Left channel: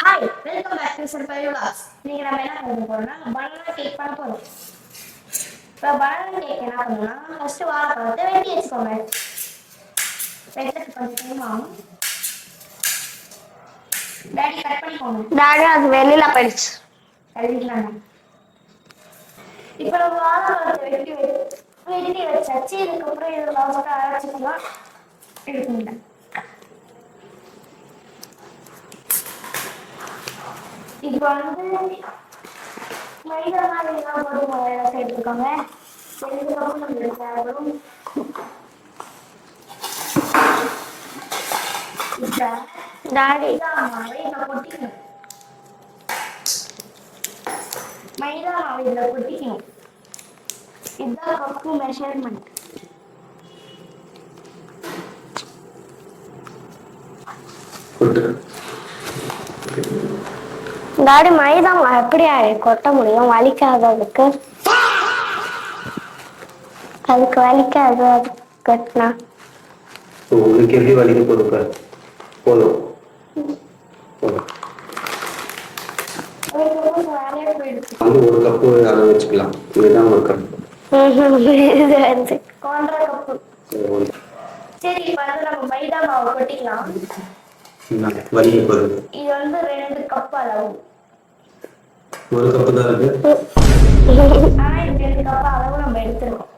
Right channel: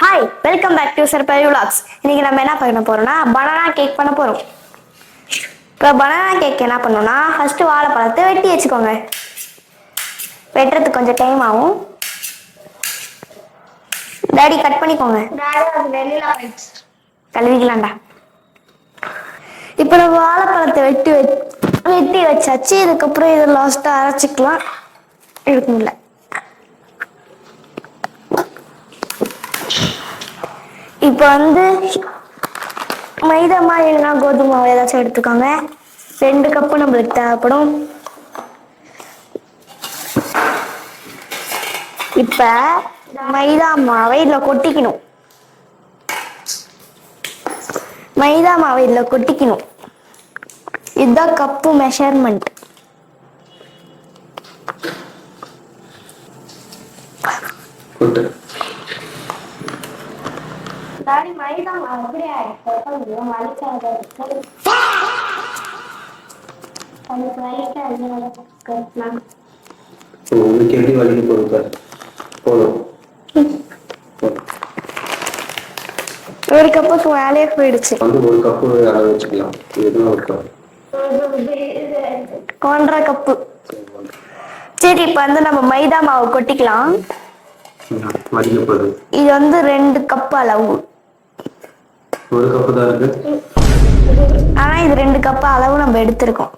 Hi, welcome back to surprise vlogs. இன்னைக்கு நம்ம என்ன பண்ண போறோம்னா பனானா கேக் பண்ண போறோம். இப்போ பனானா கேக் என்ன பண்ணணும்னா ஃபர்ஸ்ட் வாழைப்பழத்தை வெட்டி வச்சுக்கோங்க. வெட்டுறதுக்கு கொஞ்சம் டைம் ஆகும். டாடி கட் பண்ணிக்கோங்க. டாடி அது வெளியில போயிடுச்சு, கழுவிக்கலாம்டா. இப்போ நம்ம வாழைப்பழத்தை வெட்டி வச்சாச்சு. இதுக்கப்புறம் இதை லாஸ்டா அரைச்சிக்கலாம். எடுக்க முடியல. இப்போ மைதா மாவு இல்லைன்னா கோதுமை மாவு ஏதாச்சும் எடுத்துக்கோங்க. 2 கப்பு நம்மளுக்கு தேவைப்படும். இப்ப மைதா மாவை இதுல கொட்டிக்கணும். இதுதான் கப்பு மெஷர்மெண்ட். டாடி மைதா மாவு எப்படி கொட்ட முடியும்? வலிக்காததுக்கு வலிக்காது கொட்டினா. உங்களுக்கு எப்படி வலிக்க போறது? போதும். ஒரு கப்புக்கு வேலையே போயிடுச்சு. ஒரு கப்பு அளவு வச்சுக்கலாம். இதுதான் ஒரு கப். 1.5 கப்பு. சரி, இப்ப நம்ம மைதா மாவு கொட்டிக்கலாம். வலிக்க போகுது. இது 2 கப் அளவு. ஒரு கப்பு தான் இருக்கு. ஆனா இது 2 கப் அளவு நம்ம எடுத்திருக்கோம்.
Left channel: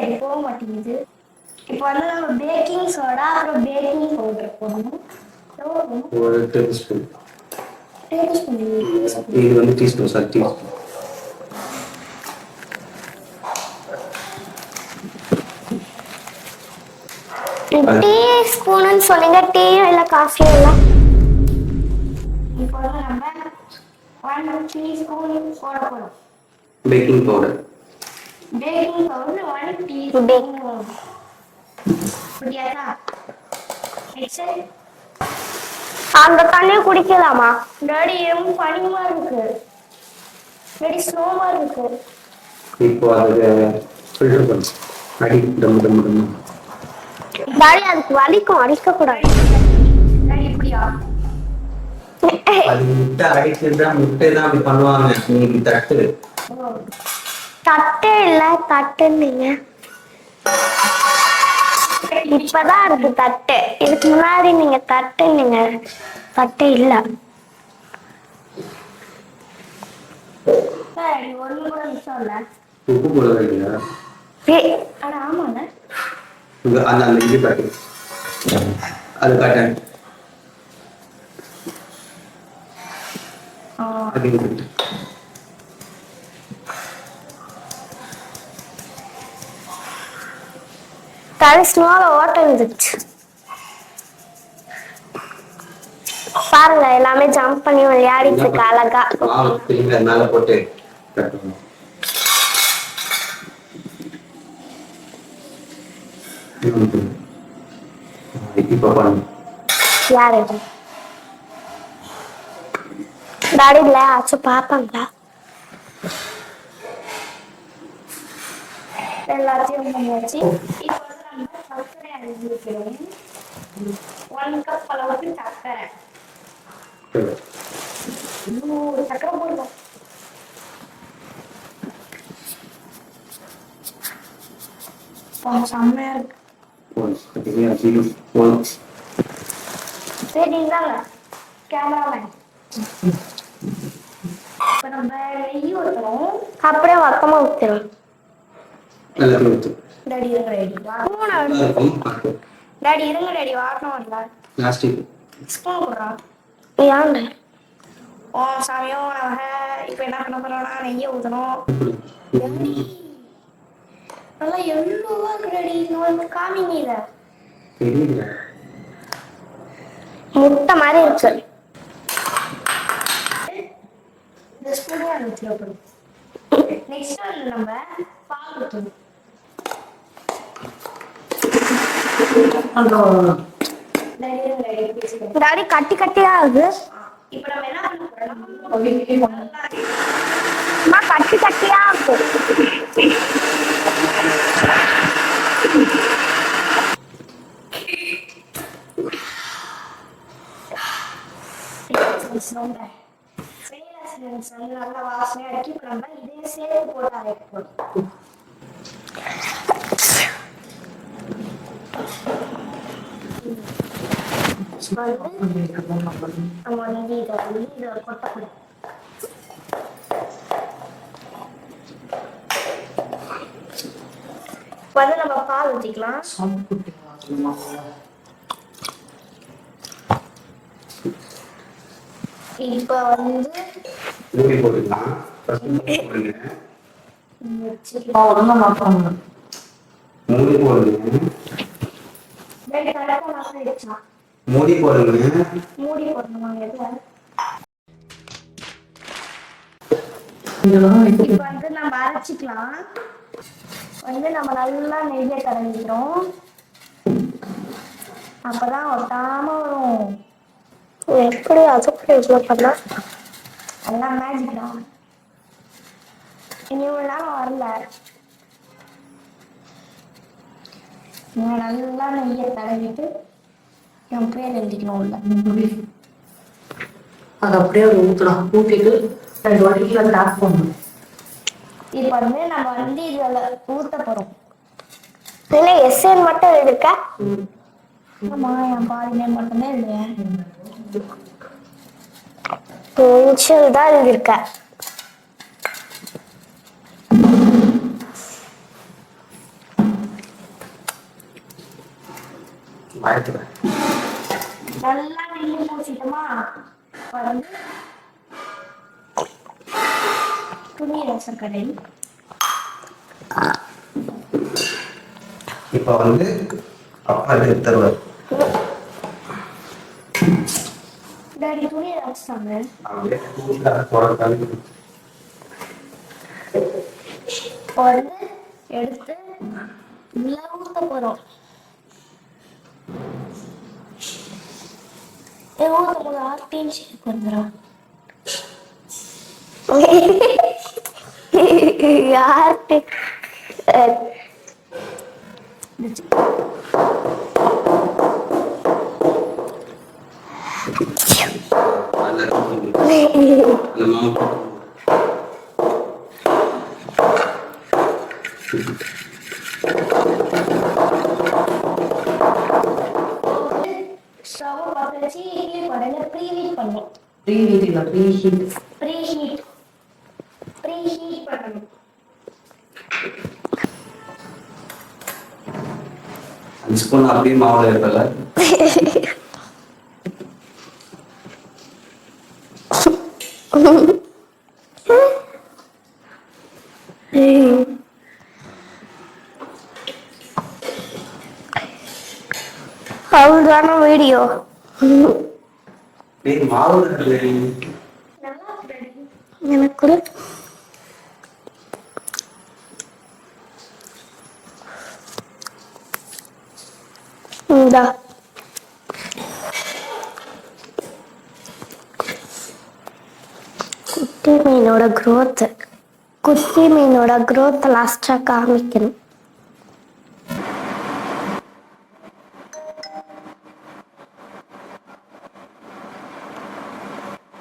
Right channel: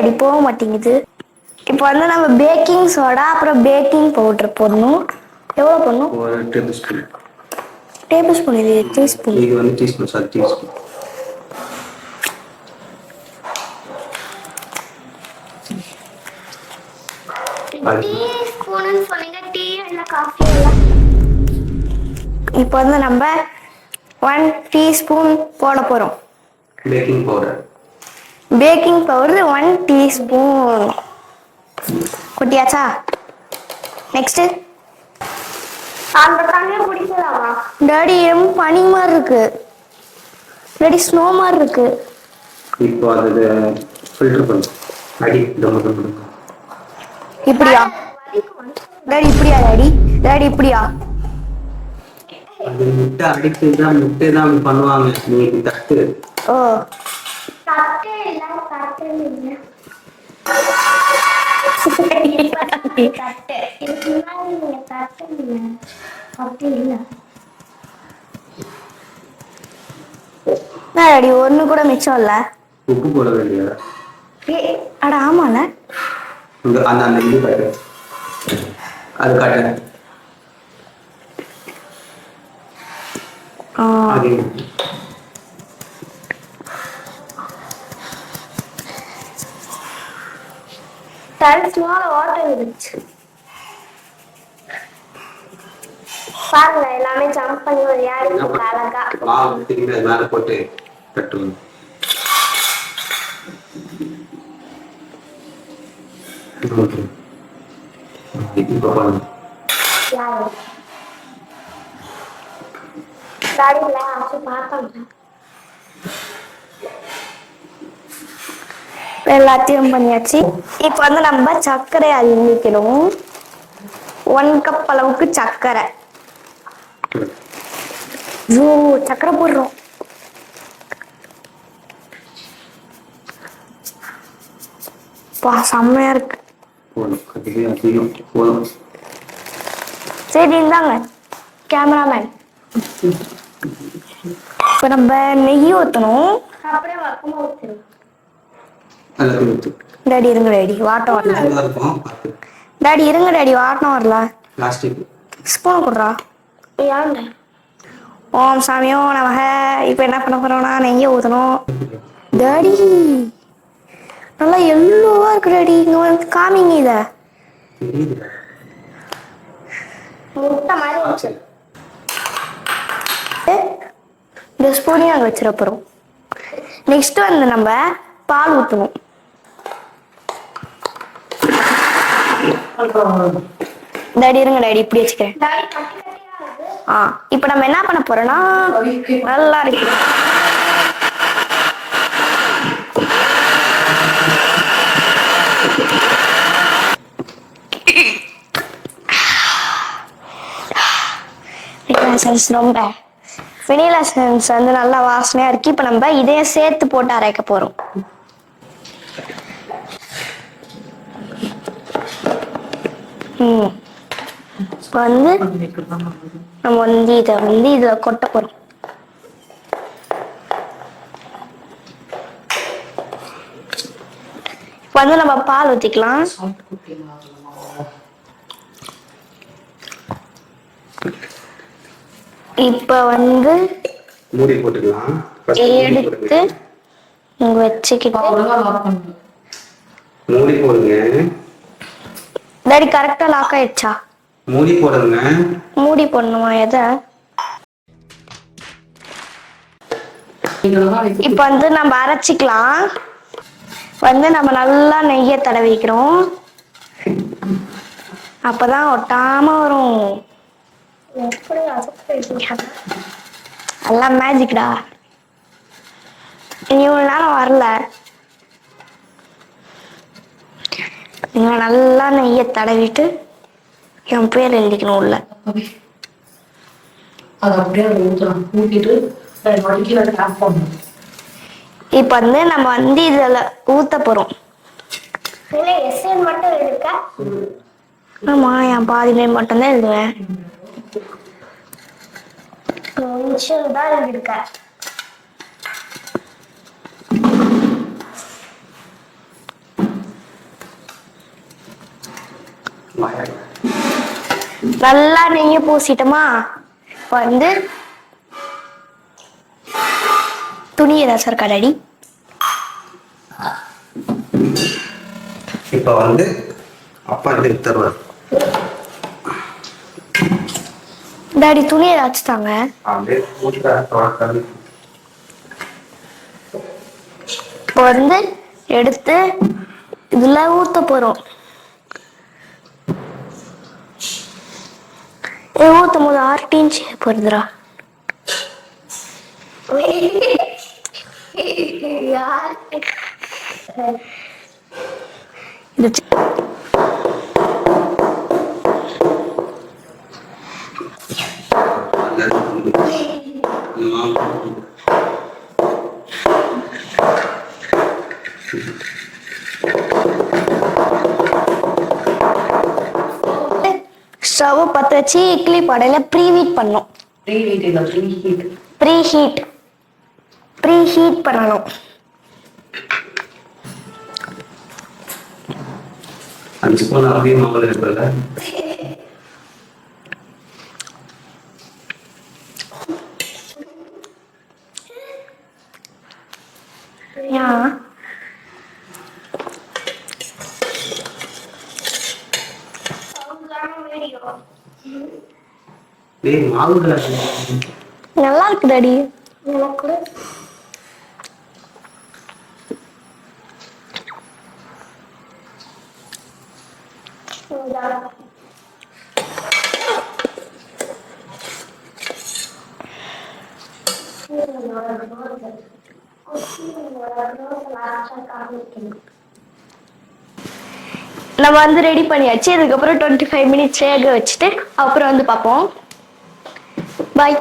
அடி போக மாட்டேங்குது. இப்போ நம்ம பேக்கிங் சோடா அப்புறம் பேக்கிங் பவுடர் போடணும். எவ்வளவு போடணும்? 1 டேபிள் ஸ்பூன். டேபிள் ஸ்பூன் இது டீஸ்பூன். இது டீஸ்பூன் சார், டீஸ்பூன். டீஸ்பூன் சொல்லுங்க, டீ இல்ல காஃபி இல்ல. இப்போ நம்ம 1 டீஸ்பூன் போட போறோம். பேக்கிங் பவுடர் 1 டீஸ்பூன் கொட்டியாச்சா? நெக்ஸ்ட் அந்த தண்ணியை குடிக்கலாமா? டாடி பனி மாதிரி இருக்கு. டாடி ஸ்னோ மாதிரி இருக்கு. இப்போ அது ஃபில்டர் பண்ணு. அடி தம்மு தம்மு தம்மு. இப்போ அதுக்கு வலிக்கும், அடிக்க கூடாது. டாடி இப்படியா? அது முட்டை அடிச்சுதான் முட்டை தான் அப்படி பண்ணுவாங்க. நீ இப்படி தட்டு. ஓ, தட்டு இல்ல தட்டுன்னீங்க. இப்பதான் இருக்கு தட்டு. இதுக்கு முன்னாடி நீங்க தட்டுன்னீங்க. தட்டு இல்ல. டாடி ஒண்ணு கூட மிச்சம் இல்ல. உப்பு போட வேண்டிய. அட ஆமால. அந்த இது காட்டு. அது காட்டு. ஸ்னோல வாட்டர் இருந்துச்சு பாருங்க. எல்லாமே ஜம்ப் பண்ணி விளையாடிட்டு இருக்கு அழகா. மாவு திரும்பி மேல போட்டு தட்டுவோம். இப்ப பண்ணு. யாரு டாடி இல்ல ஆச்சு பாப்பாங்க. எல்லாத்தையும் பண்ணியாச்சு. இப்ப நம்ம சர்க்கரை அள்ளிக்கணும். 1 கப் அளவுக்கு சர்க்கரை. சர்க்கரை போடுறோம். செம்மையா இருக்கு. சரி இந்தாங்க கேமராமேன். இப்ப நம்ம நெய் ஊத்தணும். அப்படியே வக்கமா ஊத்தணும். டாடி இருங்க, டாடி வாட்டம் வரல. டாடி இருங்க, டாடி வாட்டம் வரல. ஸ்பூன் கொடுறா. ஏன்? ஓம் சாமியோ நமக. இப்ப என்ன பண்ண போறோம்னா நெய்யை ஊத்தணும். டாடி நல்லா எல்லோவா இருக்கு. டாடி இங்க காமிங்க. இத முட்டை மாதிரி இருக்கு. இந்த ஸ்பூனையும் அங்க வச்சிட போறோம். நெக்ஸ்ட் நம்ம பால் ஊத்தணும். டாடி இருங்க, டாடி இப்படி வச்சுக்கிறேன். டாடி கட்டி கட்டியா இருக்கு. இப்ப நம்ம என்ன பண்ண போறோம்னா நல்லா இருக்கு. கட்டி கட்டியா இருக்கு. எசன்ஸ் ரொம்ப வெனிலா எசன்ஸ் வந்து நல்லா வாசனையா இருக்கு. இப்போ நம்ம இதையும் சேர்த்து போட்டு அரைக்க போறோம். வந்து நம்ம வந்து இதை வந்து இதுல கொட்ட போறோம். வந்து நம்ம பால் ஊத்திக்கலாம். இப்ப வந்து மூடி போட்டுக்கலாம். எடுத்து இங்க வச்சுக்கிட்டு மூடி போடுங்க. டாடி கரெக்டா லாக் ஆயிடுச்சா? மூடி போடுங்க. மூடி போடணுமா? எதை? இப்ப வந்து நம்ம அரைச்சிக்கலாம். வந்து நம்ம நல்லா நெய்யை தடவிக்கிறோம். அப்பதான் ஒட்டாம வரும். எப்படி அதுக்கு எல்லாம் மேஜிக்டா. இவ்வளவு நேரம் வரல. நீங்க நல்லா நெய்யை தடவிட்டு என் பேர் எழுதிக்கணும் உள்ள. அது அப்படியே ஊற்றலாம். ஊற்றிட்டு வடிக்கல டேப் பண்ணணும். இப்ப வந்து நம்ம வந்து இதுல ஊத்த போறோம். இல்லை எஸ்என் மட்டும் எடுக்க. ஆமா, என் பாதி நேம் மட்டும்தான் எழுதுவேன். இன்ஷியல் தான் எழுதியிருக்க. நல்லா நெய்ய பூசிட்டோமா? இப்ப வந்து துணி ஏதாச்சும் இருக்கா டாடி? இப்ப வந்து அப்பா எடுத்துருவார். டாடி துணி ஏதாச்சும் தாங்க. இப்ப வந்து எடுத்து இதுல ஊத்த போறோம். ஊத்தும் போது ஆர்டின் ஷேப் வருதுடா. யாருக்கு ஸ்டவ் பத்த வச்சு இட்லி பானையில ப்ரீஹீட் பண்ணணும். ப்ரீஹீட் பண்ணணும். 5 ஸ்பூன் அப்படியே மாவுல இருக்குல்ல. அவ்வளவுதான வீடியோ. மாவு நல்லா இருக்கு டாடி. எனக்கு கூட இந்தா குட்டி மீனோட growth லாஸ்டா காமிக்கணும். நம்ம வந்து ரெடி பண்ணியாச்சு. இதுக்கப்புறம் 25 மினிட்ஸ் வேக வச்சுட்டு அப்புறம் வந்து பார்ப்போம். பாய்.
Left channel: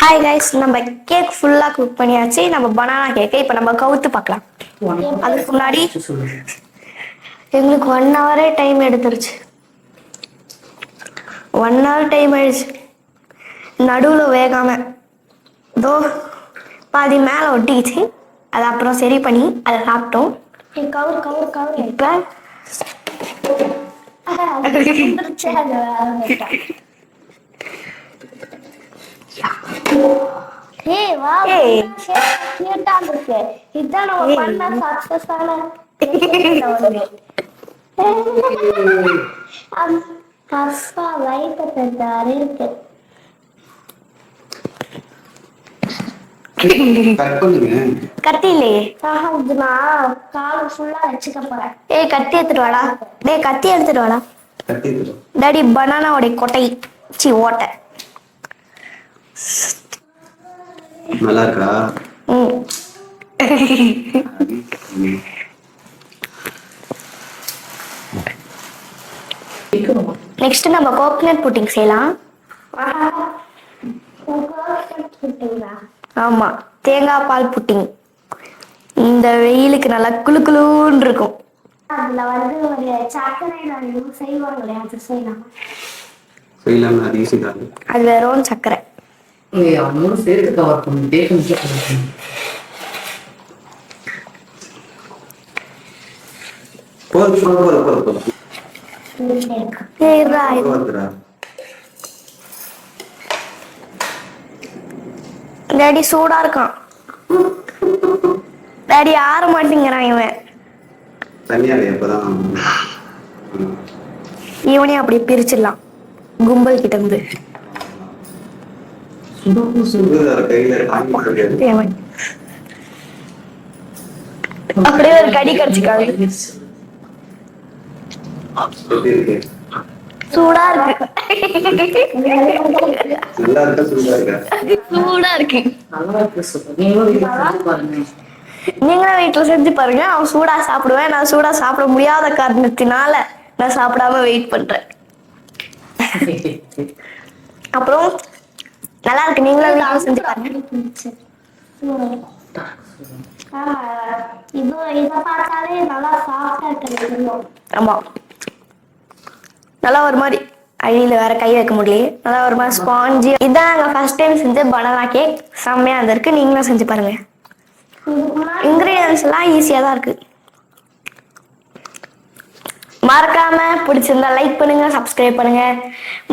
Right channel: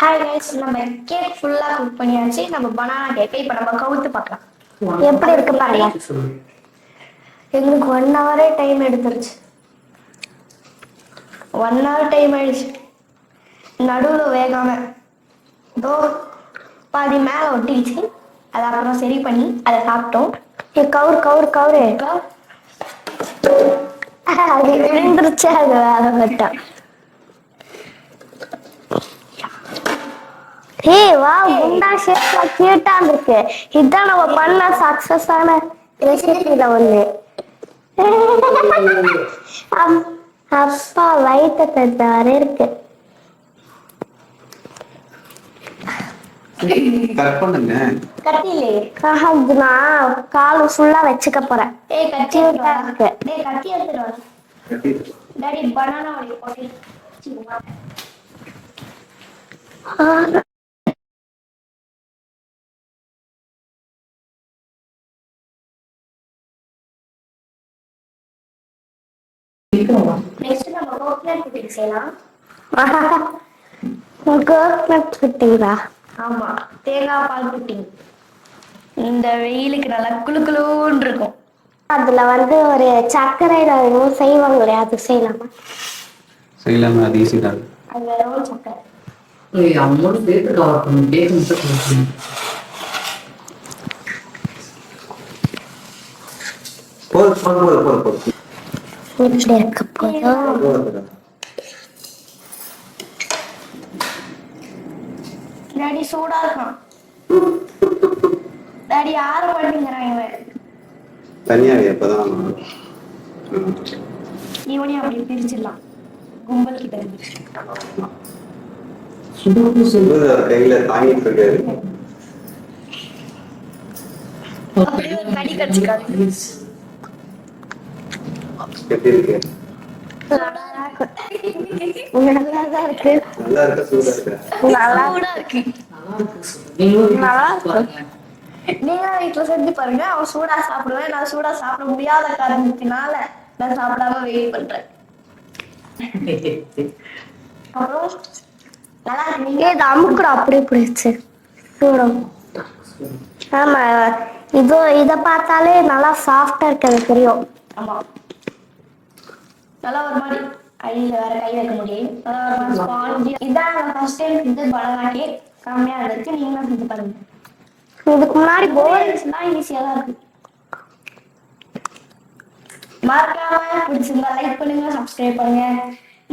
ஹாய் கைஸ், நம்ம கேக் ஃபுல்லா குக் பண்ணியாச்சு. நம்ம பனானா கேக்கை இப்போ நம்ம கவுத்து பார்க்கலாம். எப்படி இருக்கு முன்னாடி எங்களுக்கு 1 hour டைம் எடுத்துருச்சு. 1 hour டைம் ஆயிடுச்சு. நடுவில் வேகாம தோ பாதி மேலே ஒட்டிக்கிச்சு. அதை அப்புறம் சரி பண்ணி அதை சாப்பிட்டோம். கவுரு இப்போ விழுந்துருச்சு. அது வேற கட்டம். ஏய் வா, குண்டா ஷேப்ல கியூட்டா இருக்கு. இதான் நம்ம பண்ண சக்சஸ் ஆன வந்து அப்பா வயிற்று தர இருக்கு. கத்திலே நான் கால் ஃபுல்லா வச்சுக்க போறேன். ஏய் கத்தி எடுத்துட்டு வாடா. டேய் கத்தி எடுத்துட்டு வாடா. டாடி பனானாவோட கொட்டை ஓட்டை நல்லா இருக்கா? எடுத்துருவோம். நெக்ஸ்ட் நம்ம கோகனட் புட்டிங் செய்யலாம். கோகனட் புட்டிங்கா? ஆமா, தேங்காய் பால் புட்டிங். இந்த வெயிலுக்கு நல்லா குளு குளுன்னு இருக்கும். அதுல வந்து ஒரு சர்க்கரையில இன்னும் செய்வாங்களே, அது செய்யலாமா? செய்யலாம், அது ஈஸி தான். அது வெறும் சர்க்கரை. அம்மன் சேர்த்து கவர் பண்ணி பேக் மட்டும் கொடுக்கணும். போதும். டாடி சூடா இருக்கான். டாடி ஆற மாட்டேங்கிறான் இவன். தனியா அப்பதான் இவனையும் அப்படி பிரிச்சிடலாம் கும்பல் கிட்ட இருந்து. கையில தாங்கிட்டு இருக்காரு. அப்படியே ஒரு கடி கடிச்சுக்காங்க. எப்படி இருக்கு? சூடா இருக்கு. நல்லா இருக்கா சூடா இருக்கா? சூடா இருக்கு. நல்லா இருக்கு சூப்பர். நீங்களும் வீட்டுல செஞ்சு பாருங்க. நீங்களும் வீட்டுல செஞ்சு பாருங்க. அவன் சூடா சாப்பிடுவேன். நான் சூடா சாப்பிட முடியாத காரணத்தினால நான் சாப்பிடாம வெயிட் பண்றேன். அப்புறம் நல்லா இருக்கு. நீங்களும் அமுக்குற அப்படியே பிடிச்சு சூடம். ஆமா, இதை பார்த்தாலே நல்லா சாஃப்டா இருக்கிறது தெரியும். ஆமா, நல்லா ஒரு மாதிரி அடியில வேற கை வைக்க முடியல. நல்லா ஒரு மாதிரி ஸ்பாஞ்சி. இதான் நாங்க ஃபர்ஸ்ட் டைம் செஞ்ச பனானா கேக். செம்மையா இருக்கு. நீங்களும் செஞ்சு பாருங்க. இதுக்கு முன்னாடி இன்கிரியன்ஸ் எல்லாம் ஈஸியா தான் இருக்கு. மறக்காம பிடிச்சிருந்தா லைக் பண்ணுங்க, சப்ஸ்கிரைப் பண்ணுங்க.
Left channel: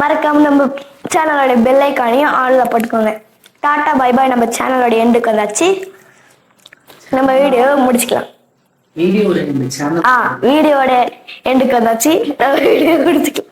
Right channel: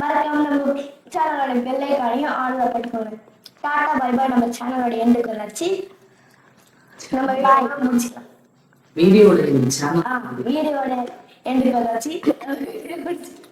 மறக்காம நம்ம சேனலோட பெல் ஐக்கானையும் ஆன்ல போட்டுக்கோங்க. Tata bye bye. நம்ம சேனலோட எண்டுக்கு வந்தாச்சு. நம்ம வீடியோ முடிச்சுக்கலாம். வீடியோட இந்த சேனல் வீடியோட எண்டுக்கு வந்தாச்சு. நம்ம வீடியோ முடிச்சுக்கலாம்.